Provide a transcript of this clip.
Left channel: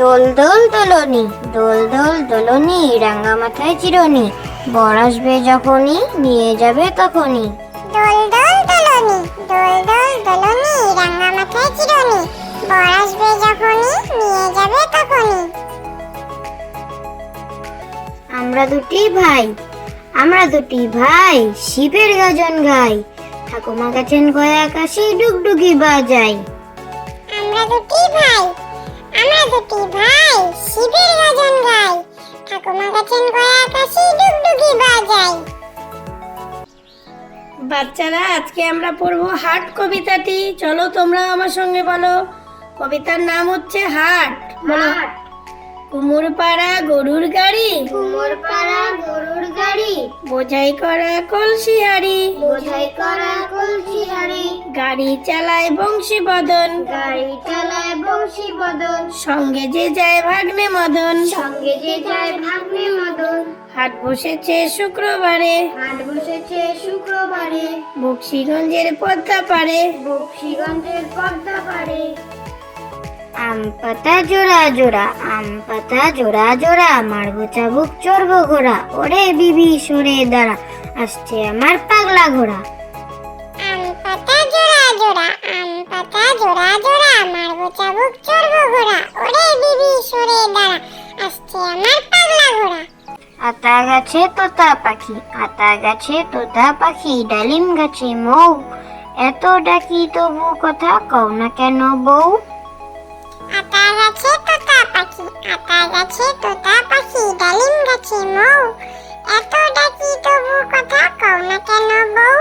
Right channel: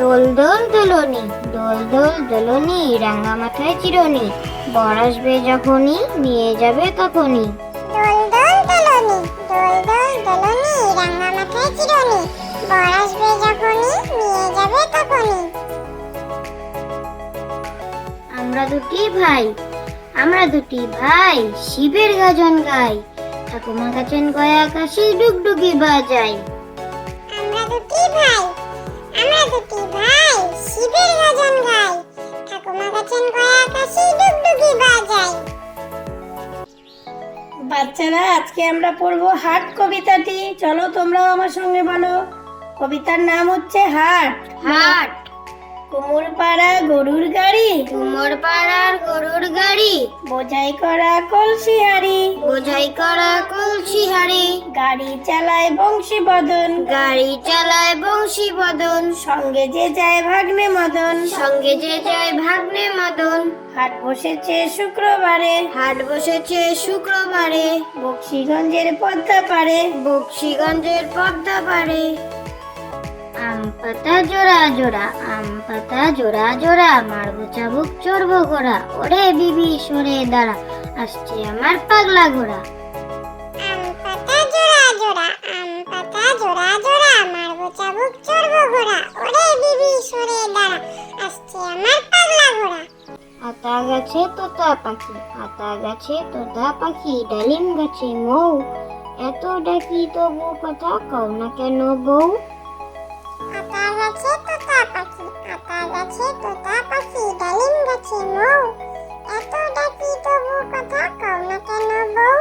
দোল দোল দোলনি, দোল দোল দোলনি, রাঙা মাথায় চিরুনি, বর আসবে যখনই নিয়ে যাবে তখনই। দোল দোল দোলনি, দোল দোল দোলনি, রাঙা মাথায় চিরুনি, বর আসবে যখনই নিয়ে যাবে তখনই। আমরা দুটি ভাই, আমরা দুটি ভাই, শিবের গাজন গাই, ঠাকুমা গাছেন গয়া আকাশে ডুগডুগি বাজাই। আমরা দুটি ভাই, আমরা দুটি ভাই, শিবের গাজন গাই, ঠাকুমা গাছেন গয়া আকাশে ডুগডুগি বাজাই। বাচ্চারা, আজকে আমরা পড়বো হাট কবিতাটি। চলো তোমরাও আমার সঙ্গে বলো। কবিতার নাম হচ্ছে হাট। হাট। কুমোর পাড়া গরুর গাড়ি, কুমোর পাড়ার গরুর গাড়ি, বোঝাই করা কলসি হাড়ি, বোঝাই করা কলসি হাড়ি, গাড়ি চালায় বংশী বদন, গাড়ি চালায় বংশী বদন, সঙ্গে যে যায় ভাগ্নে মদন, সঙ্গে যে যায় ভাগ্নে মদন। হাট বসেছে শুক্রবারে, হাট বসেছে শুক্রবারে, বক্সিগঞ্জের পদ্মা পারে, বক্সিগঞ্জের পদ্মা পারে। আম পাতা জোড়া জোড়া, আম পাতা জোড়া জোড়া, মারবো চাবুক চড়বো ঘোড়া, ওরে বিবি সরে দাঁড়া, আসছে আমার পাগলা ঘোড়া। আম পাতা জোড়া জোড়া, আম পাতা জোড়া জোড়া, মারবো চাবুক চড়বো ঘোড়া, ওরে বিবি সরে দাঁড়া, আসছে আমার পাগলা ঘোড়া। আতা গাছে তোতা পাখি, আতা গাছে তোতা পাখি, ডালিম গাছে মৌ, এত ডাকি তবু কথা কও না কেন বউ। আতা গাছে তোতা পাখি, আতা গাছে তোতা পাখি, ডালিম গাছে মৌ, এত ডাকি তবু কথা কও না কেন বউ।